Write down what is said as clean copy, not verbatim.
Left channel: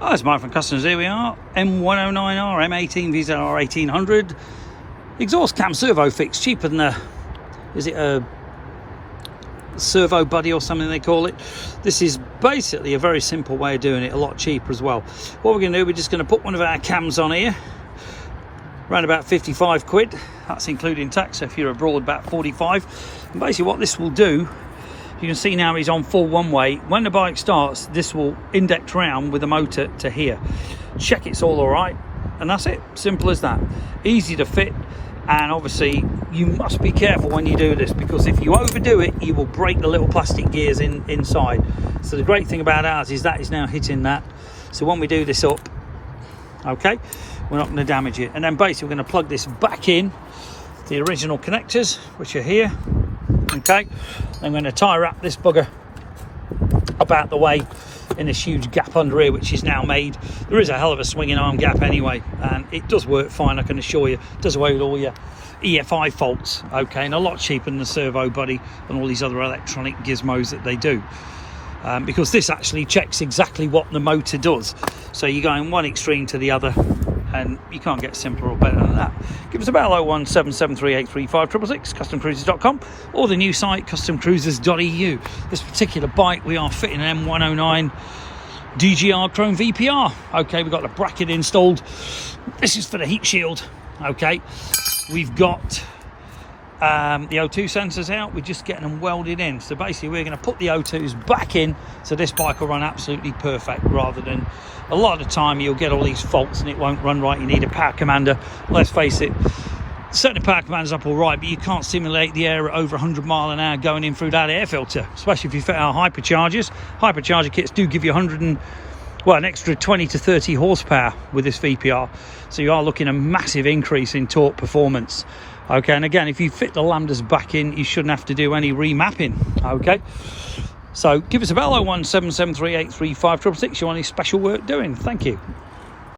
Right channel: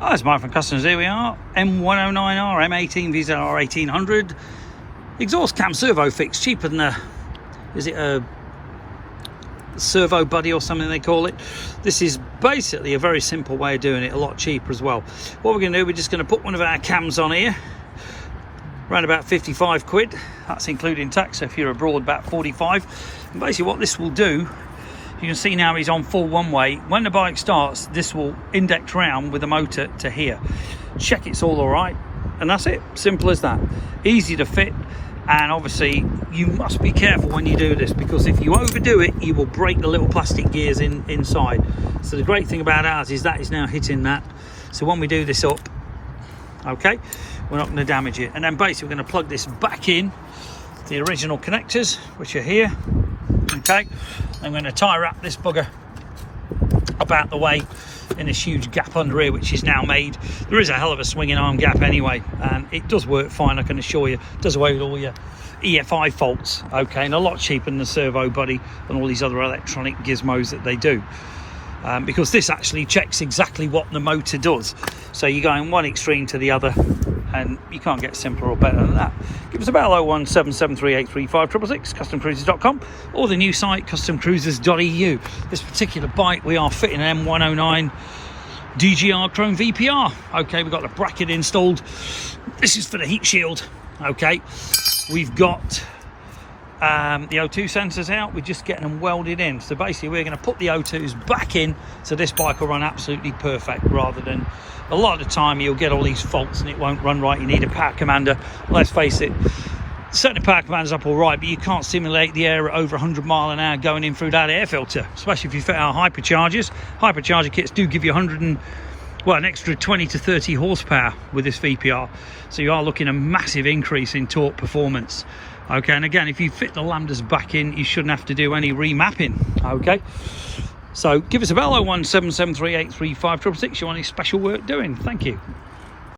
Oh, it's Mike from Customers. Here we are, M109R M1800R 1800 exhaust cam servo fix, cheaper than is it a servo buddy or something they call it. This is basically a very simple way of doing it, a lot cheaper as well. What we're going to do, we're just going to put one of our cams on here, around about 55 quid, that's including tax. So if you're abroad, about 45. And basically what this will do, you can see now he's on full one way. When the bike starts, this will index round with the motor to here, check it's all right, and that's it. Simple as that. Easy to fit. And obviously you must be careful when you do this, because if you overdo it, you will break the little plastic gears inside. So the great thing about ours is that is now hitting that. So when we do this up, okay, we're not going to damage it. And then basically we're going to plug this back in the original connectors, which are here. Okay, I'm going to tie wrap this bugger up out the way in this huge gap under here, which is now made. There is a hell of a swinging arm gap anyway, and it does work fine, I can assure you. It does away with all your EFI faults, okay, and a lot cheaper than the servo buddy and all these other electronic gizmos that they do, because this actually checks exactly what the motor does. So you go in one extreme to the other, and you can't get simpler or better than that. Give us a bell, 01773835666, customcruisers.com, or the new site, customcruisers.eu. This particular bike, we are fitting an M109 DGR Chrome VPR. Okay, we've got the bracket installed. This is for the heat shield. Okay, we've got the O2 sensors out. We're just getting them welded in. So basically we're going to put the O2s back in, so this bike will run absolutely perfect, rather than a lot of the time you'll get all these faults and it won't run right. You need a power commander. Let's face it, setting the power commanders up all right, but you can't simulate the air at over 100 mile an hour going in through that air filter, especially if you fit our hyperchargers. Hypercharger kits do give you an extra 20 to 30 horsepower with this VPR, so you are looking at a massive increase in torque performance. Okay, and again, if you fit the lambdas back in, you shouldn't have to do any remapping. Okay, so give us a bell, 01773835666. You want any special work doing? Thank you.